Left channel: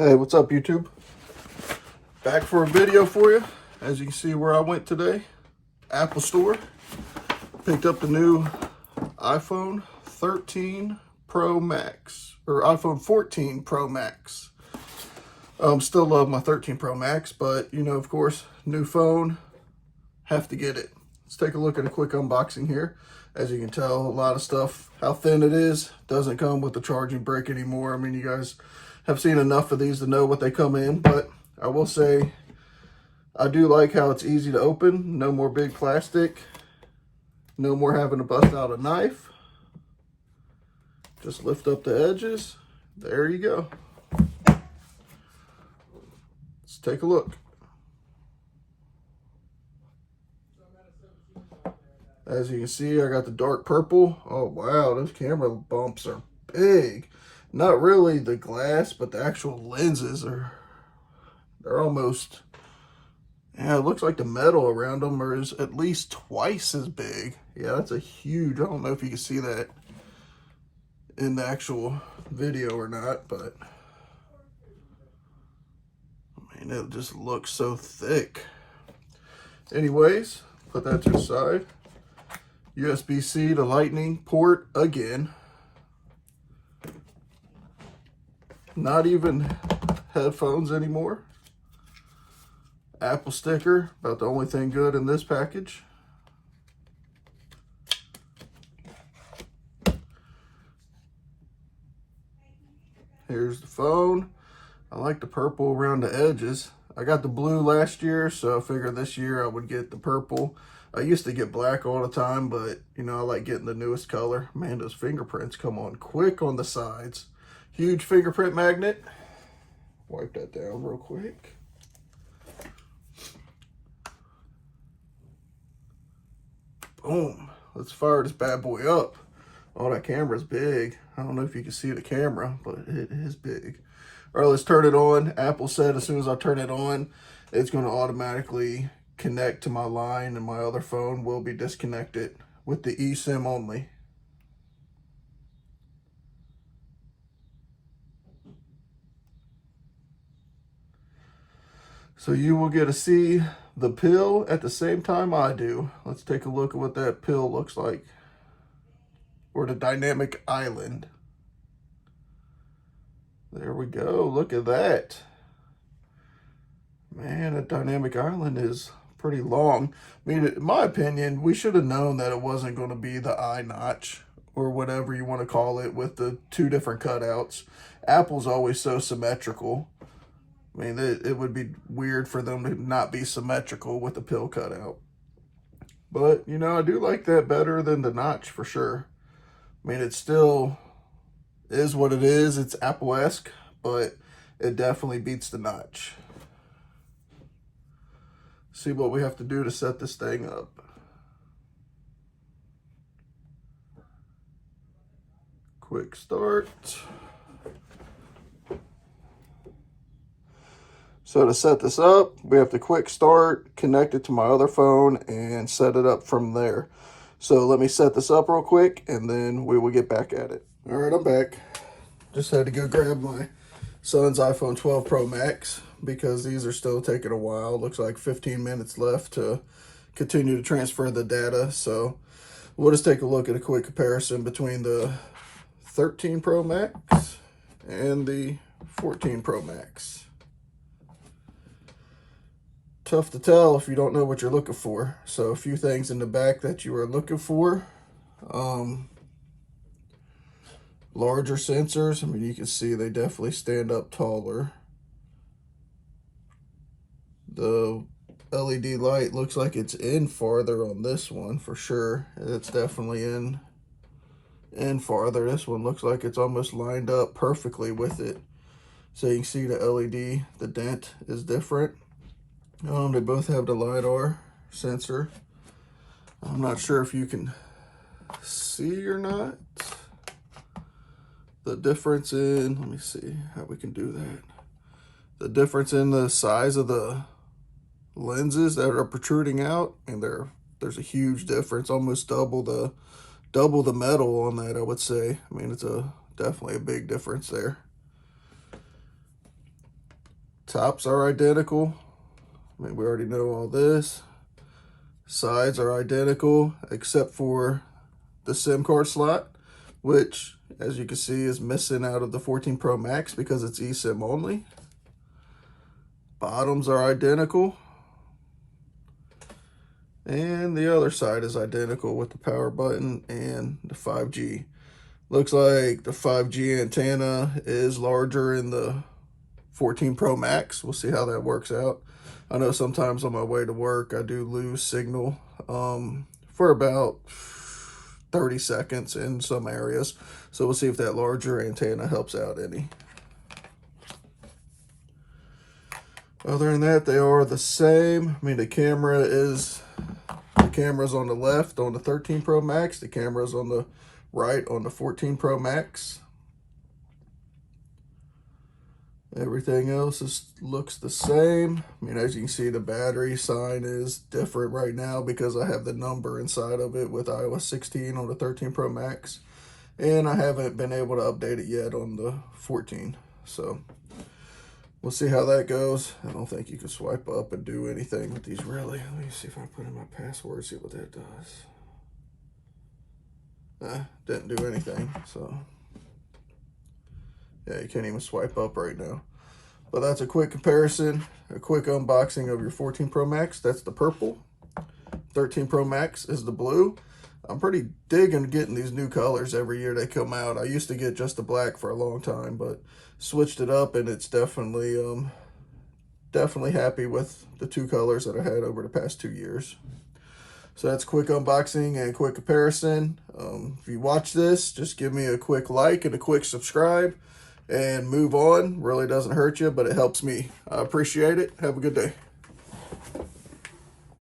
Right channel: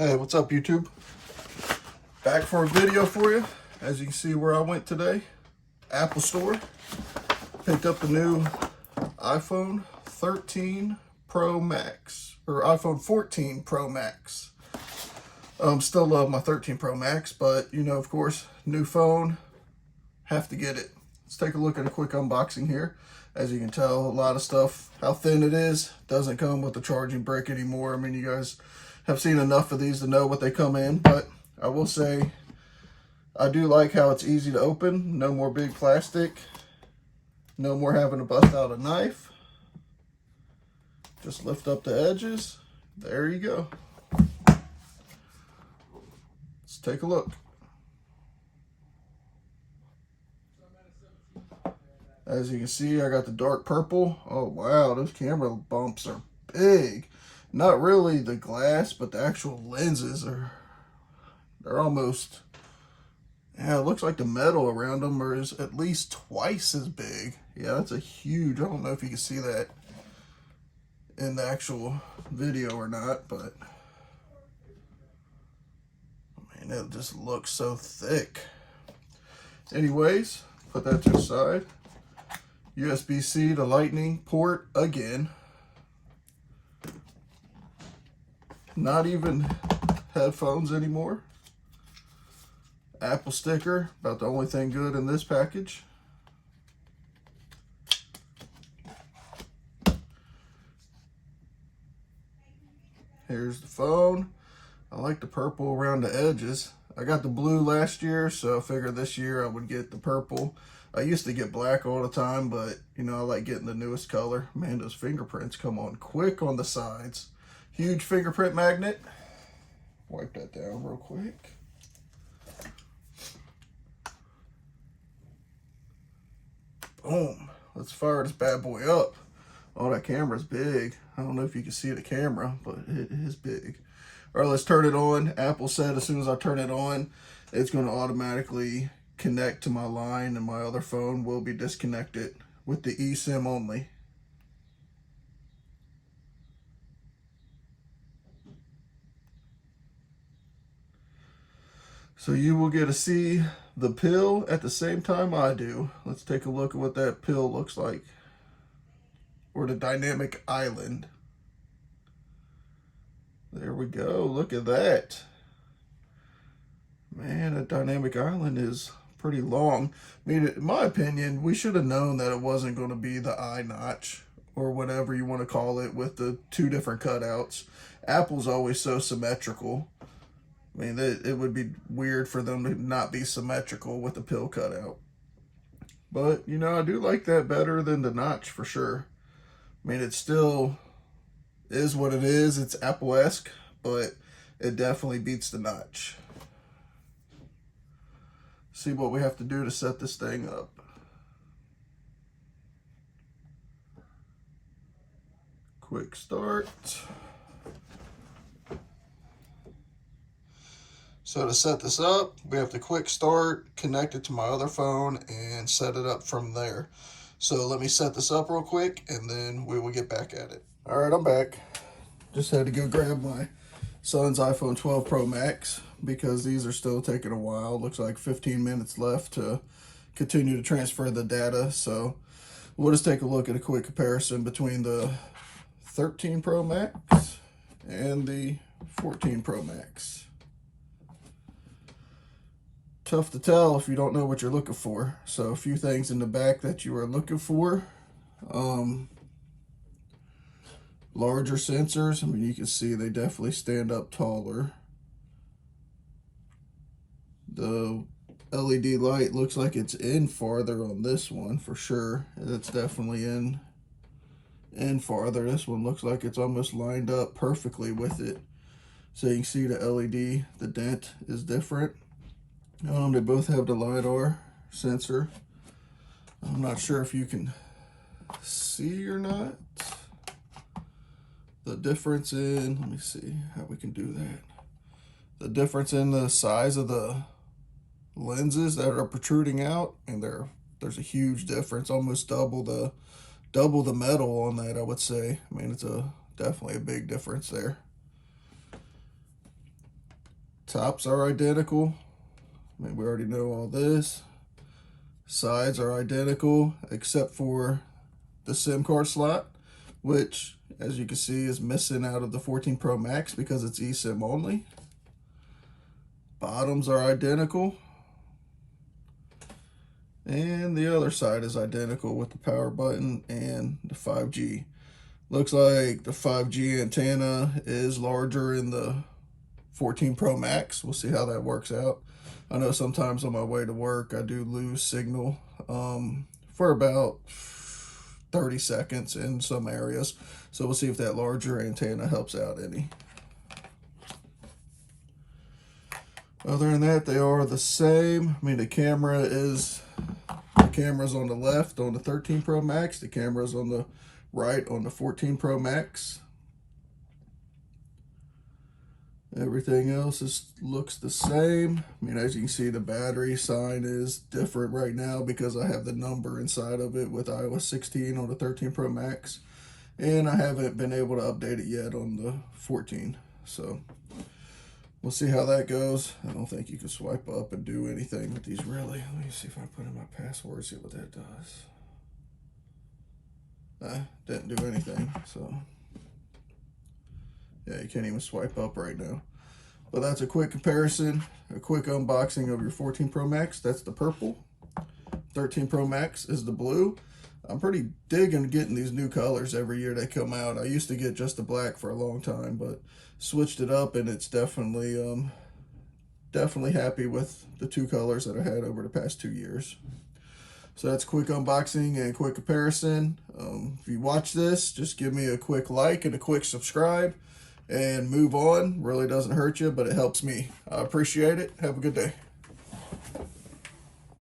Hey, what's up, YouTube? Back for a video for you. As you can see where I went today, Apple Store. Picked up the new iPhone 13 Pro Max, or iPhone 14 Pro Max. Still love my 13 Pro Max, but you know, of course, new phone, have to get it. Let's take a look at a quick unboxing here. As you can tell, a lot of stuff, how thin it is, doesn't come with the charging brick anymore. I mean, you guys have seen enough of these to know what they come in, but I will say I do like how it's easy to open. No more big plastic. No more having to bust out a knife. Just lift up the edges. There you go. Let's take a look. As you can see, I got the dark purple. Oh wow, those camera bumps are big. Not really the glass, but the actual lenses they're almost, yeah, it looks like the metal around them is at least twice as big. Yeah, that's a huge, I don't know if you can see that in the actual video or not, but I mean, it just looks so thick. Anyways, put that to the side. USB-C to lightning port again. Not even headphones anymore. Apple sticker, about the only thing good in this package. Here's the phone. I like the purple around the edges. I got the blue last year, so I figured this year I would get the purple. I used to get black all the time, but you know, I like getting the newest color. Man, those fingerprints come on quick on the sides. Huge fingerprint magnet. Wipe that down real quick. Boom. Let's fire this bad boy up. Oh, that camera's big. I don't know if you can see the camera, but it is big. All right, let's turn it on. Apple said as soon as I turn it on, it's going to automatically connect to my line, and my other phone will be disconnected with the eSIM only. So you will get to see the pill at the same time I do. Let's take a look at what that pill looks like. Or the dynamic island. There we go. Look at that. Man, a dynamic island is pretty long. I mean, in my opinion, we should have known that it wasn't going to be the eye notch or whatever you want to call it with the two different cutouts. Apple's always so symmetrical. I mean, it would be weird for them to not be symmetrical with the pill cutout. But, you know, I do like that better than the notch for sure. I mean, it still is what it is. It's Apple-esque, but it definitely beats the notch. See what we have to do to set this thing up. Quick start. So to set this up, we have to quick start, connect it to my other phone, and set it up from there. So let me set this up real quick, and then we will get back at it. All right, I'm back. Just had to go grab my son's iPhone 12 Pro Max because these are still taking a while. Looks like 15 minutes left to continue to transfer the data. So we'll just take a look at a quick comparison between the 13 Pro Max and the 14 Pro Max. Tough to tell if you don't know what you're looking for. So a few things in the back that you are looking for. Larger sensors. I mean, you can see they definitely stand up taller. The LED light looks like it's in farther on this one for sure. It's definitely in farther. This one looks like it's almost lined up perfectly with it. So you can see the LED, the dent is different. They both have the LiDAR sensor. I'm not sure if you can see or not. The difference in, let me see how we can do that. The difference in the size of the lenses that are protruding out, and there's a huge difference, almost double the metal on that, I would say. I mean, it's definitely a big difference there. Tops are identical. I mean, we already know all this. Sides are identical except for the SIM card slot, which, as you can see, is missing out of the 14 Pro Max because it's eSIM only. Bottoms are identical. And the other side is identical with the power button and the 5G. Looks like the 5G antenna is larger in the 14 Pro Max. We'll see how that works out. I know sometimes on my way to work, I do lose signal for about 30 seconds in some areas. So we'll see if that larger antenna helps out any. Other than that, they are the same. I mean, the camera's on the left on the 13 Pro Max. The camera's on the right on the 14 Pro Max. Everything else looks the same. I mean, as you can see, the battery sign is different right now because I have the number inside of it with iOS 16 on the 13 Pro Max. And I haven't been able to update it yet on the 14. So we'll see how that goes. I don't think you can swipe up and do anything with these, really. Let me see if I put in my password, see what that does. Didn't do anything, so yeah, you can't even swipe up right now. But that's a quick comparison, a quick unboxing of your 14 Pro Max. That's the purple. 13 Pro Max is the blue. I'm pretty digging getting these new colors every year they come out. I used to get just the black for a long time, but switched it up, and it's definitely happy with the two colors that I had over the past 2 years. So that's quick unboxing and quick comparison. If you watch this, just give me a quick like and a quick subscribe and move on. Really doesn't hurt you, but it helps me. I appreciate it. Have a good day.